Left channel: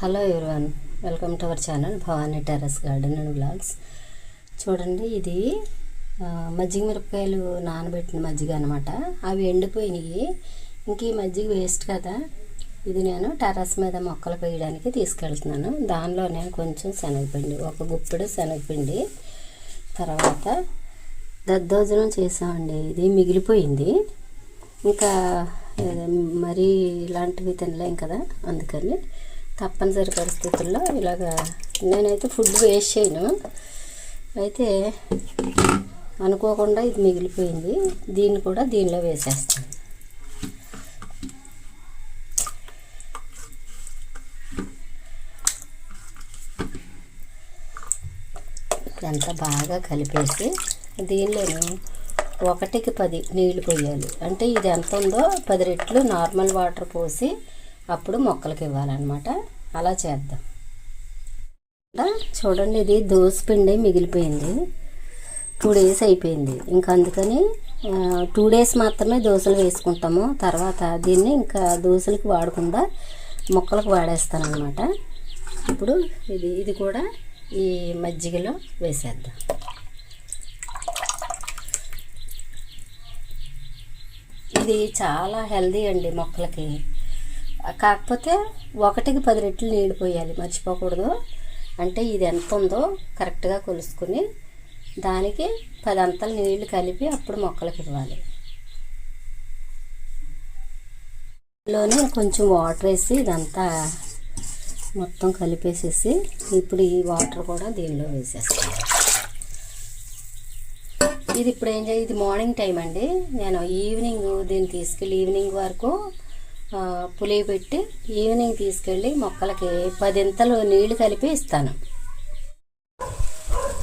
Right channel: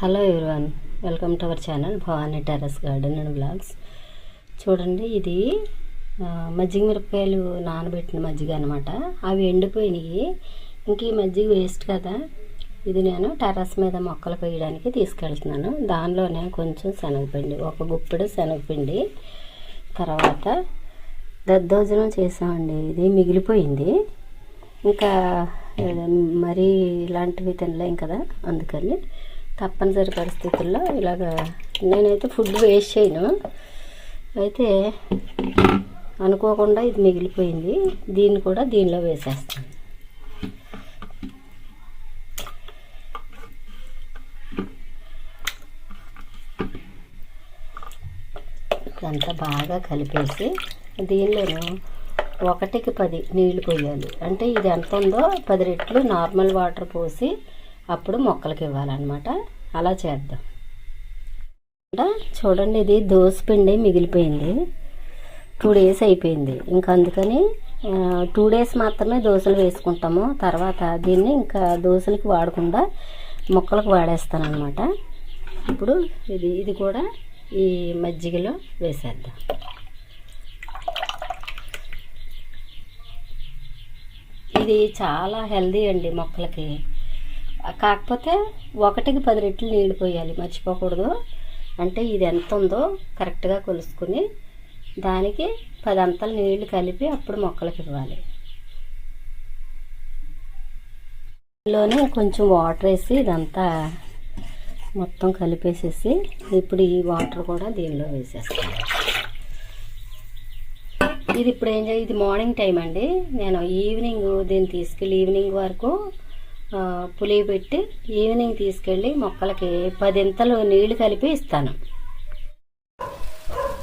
Hello everyone, welcome to our channel Bhavani terrace garden and blogs. చూడండి, ఇది మజ్జిగ మిరపకాయలు నానబెట్టిన మజ్జిగ అనమాట. అవి ఎండిపోయినాయి. ఇంక ఈ మజ్జిగ వేస్ట్ కదా, ఇది నేను టెర్రస్ మీద మొక్కలు వేయడానికి తీసుకెళ్తున్నాను. దానిలోనే కొంచెం శనగపిండి, ఒక గుప్పెడు శనగపిండి, తర్వాత దద్దోజనం చేసామండి. ఇది మిగిలిపోయింది. ఇంకా మరీ ఇలాంటివి తినలేం కదా, అందుకని తప్పనిసరి పరిస్థితుల్లో ఇలాగా నేనైతే ఫుడ్ వేస్ట్ చేయను. అయితే అనుకోకుండా ఇది మిగిలిపోయింది. దీన్ని కూడా దీనిలో వేసేస్తాను. ఇదంతా బాగా కలిపేసి దీనిలోను 1కి 10 నీళ్లు పోయాలి. అంటే ఇది ఎంత ఉందో 10 రెట్లు నార్మల్ వాటర్ పోసి అప్పుడు మొక్కలకి ఇవ్వాలన్నమాట. అలా చేద్దాం. చూడండి, ఇది దోసపిండి మిగిలిపోయింది. 2 డేస్ అయిపోయింది. ఇంకా అందుకని 2 డేస్ మాత్రమే దోశలు వేసుకుంటాము. తర్వాత దీన్ని ఇంకా దోశలకి వాడకుండా మొక్కలకు వాడేస్తాను అనమాట. ఇప్పుడు ఇది కూడా ఈ మజ్జిగలో వేసేద్దాం. ఇది చాలా హెల్దీ అండి మొక్కలకి. కాకపోతే 1కి 10 రెట్లు నీళ్ళు పోయాలి, మర్చిపోకూడదు. అంటే ఇది ఎంత ఉందో కరెక్ట్గా కొలుసుకుని దానికి 10 అంతలు నీళ్లు కలిపి అప్పుడు మొక్కలకి ఇవ్వాలి. ఇందులోనే కొంచెం వాటర్ వేసి ఇదంతా మొత్తం కలిపేసేసి ఇప్పుడు ఈ వాటర్ కూడా దీనిలో వేసేస్తాను. ఇది ఇప్పుడు ఏం చేయాలి, ఇది మార్నింగ్ టైం అండి. నేను ఈవినింగ్ దీన్ని తీసుకెళ్ళి ఈవినింగ్ వరకు పులియ పెట్టి ఈవినింగ్ తీసుకెళ్ళి మొక్కలకి 10 ఇంతలు నీళ్లు కలిపి ఇస్తాను.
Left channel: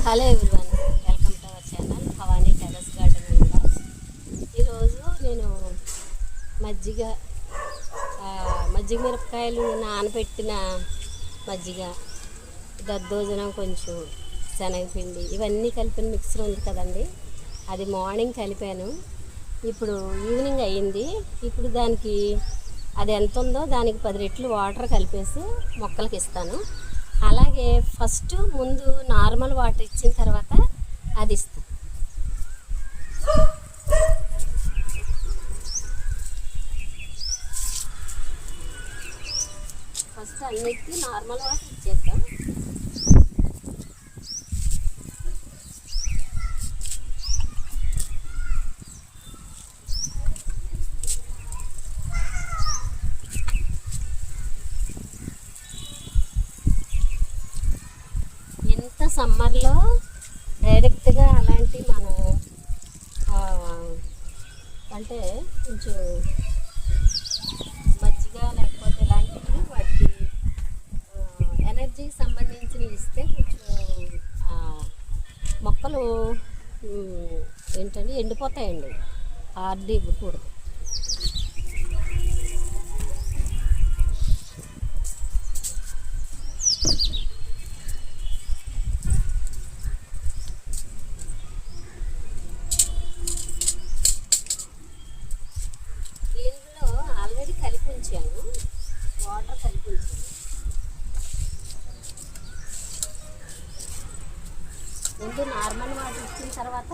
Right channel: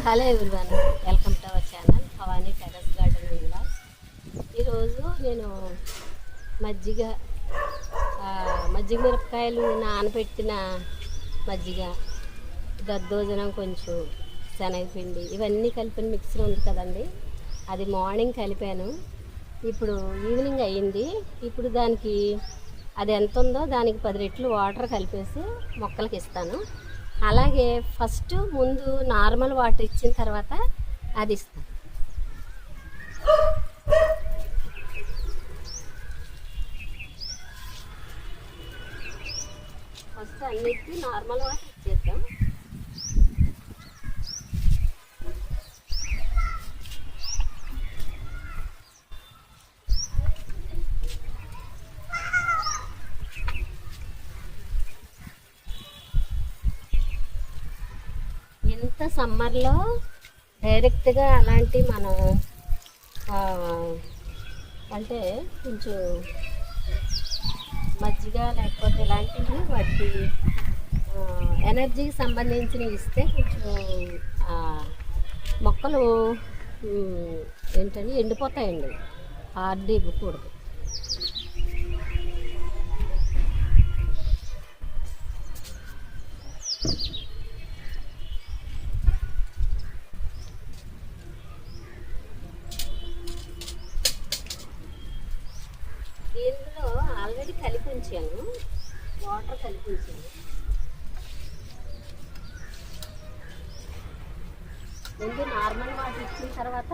Hello everyone, welcome to our channel Bhavani terrace garden and blogs. ఈరోజు నేను మజ్జిగ మిరపకాయలు నానబెట్టిన మజ్జిగ, దద్దోజనం, కొంచెం శనగపిండి, ఇవన్నీ కలిపిన మిక్సర్ ఉంది కదండి, అది మార్నింగ్ కలిపాను. ఇప్పుడు ఈవినింగ్ అయ్యింది. ఇప్పుడు దానికి అది ఎంత ఉందో దానికి 10 రెట్లు వాటర్ కలిపేసి మొక్కలకి ఇస్తాను. అలాగే ముందు నార్మల్ వాటర్ ఇచ్చిన తర్వాత అది ఇస్తాను. ఫస్ట్ అన్నిటికీ నార్మల్ వాటర్ ఇచ్చేద్దాం. ఇంత సమ్మర్లో డైరెక్ట్గా అలాంటి మనం అంటే కొంచెం మజ్జిగ లేకపోతే ఇలాంటివి వాటి ఎనర్జీకి సంబంధించినవి ఇస్తే కొంచెం మొక్కలు ఏంటంటే ఎండిపోతాయండి. హార్డ్ ఇవ్వకూడదు. దీనిలో ఆల్రెడీ కలిపి ఉంచాను, వాటర్ కలిపి ఉంచాను. ముందు నార్మల్ వాటర్ ఇచ్చిన తర్వాత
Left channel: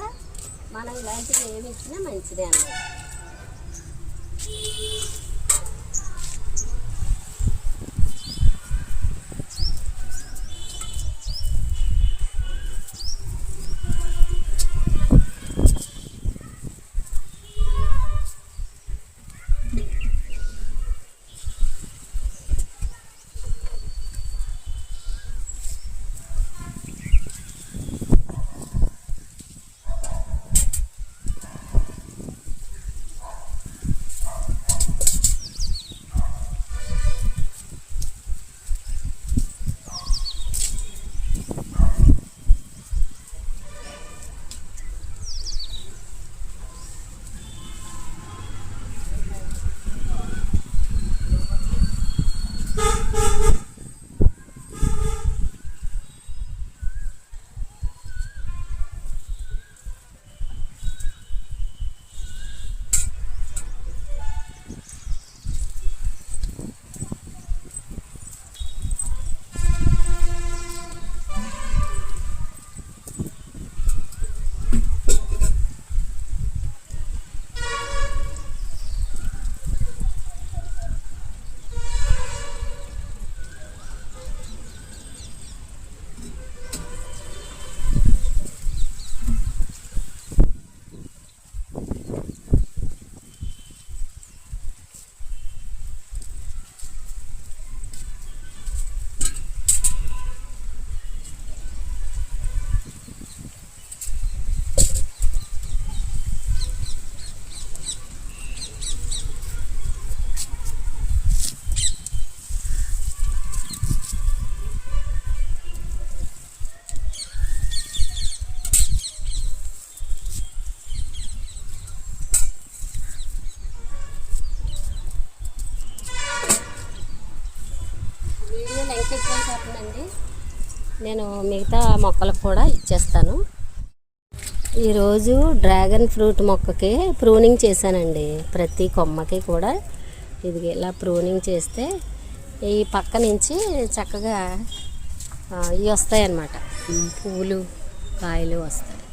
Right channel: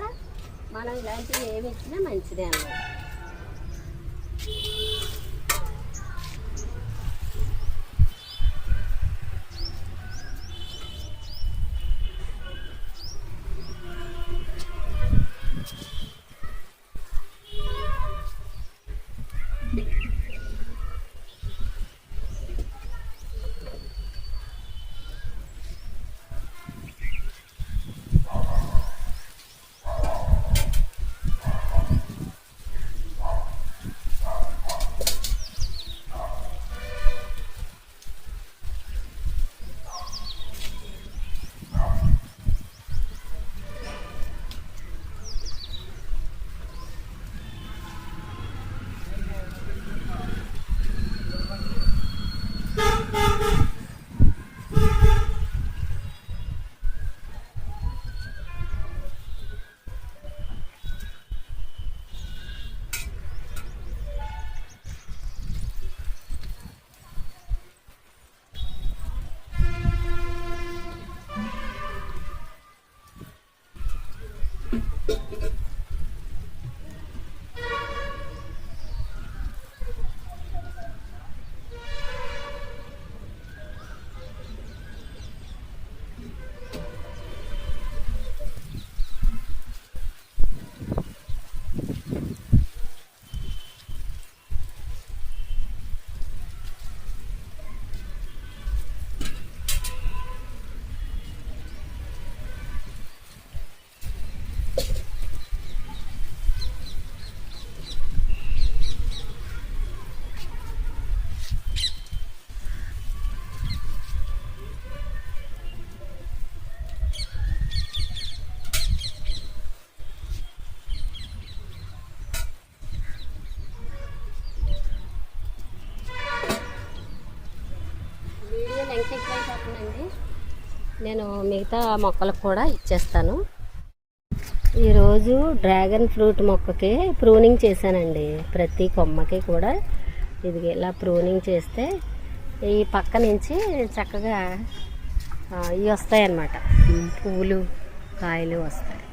మనం ఇలాంటివి ఏమి ఇచ్చినా మంచిదే అన్నమాట. వీడియో లెంగ్త్ ఎక్కువైపోతుందండి. నేను మిగతా మొక్కలకు కూడా ఇచ్చేస్తాను. ఈరోజు డ్రాగన్ ఫ్రూట్ మొక్కకి ప్రూనింగ్ చేశానండి. ప్రతి కొమ్మకి కూడా ఇది ఇలా ప్రూనింగ్ చేస్తే ఈ పక్క నుంచి చక్కగా ఇవి వస్తాయి అన్నమాట, పువ్వులు కాయలు వస్తాయి.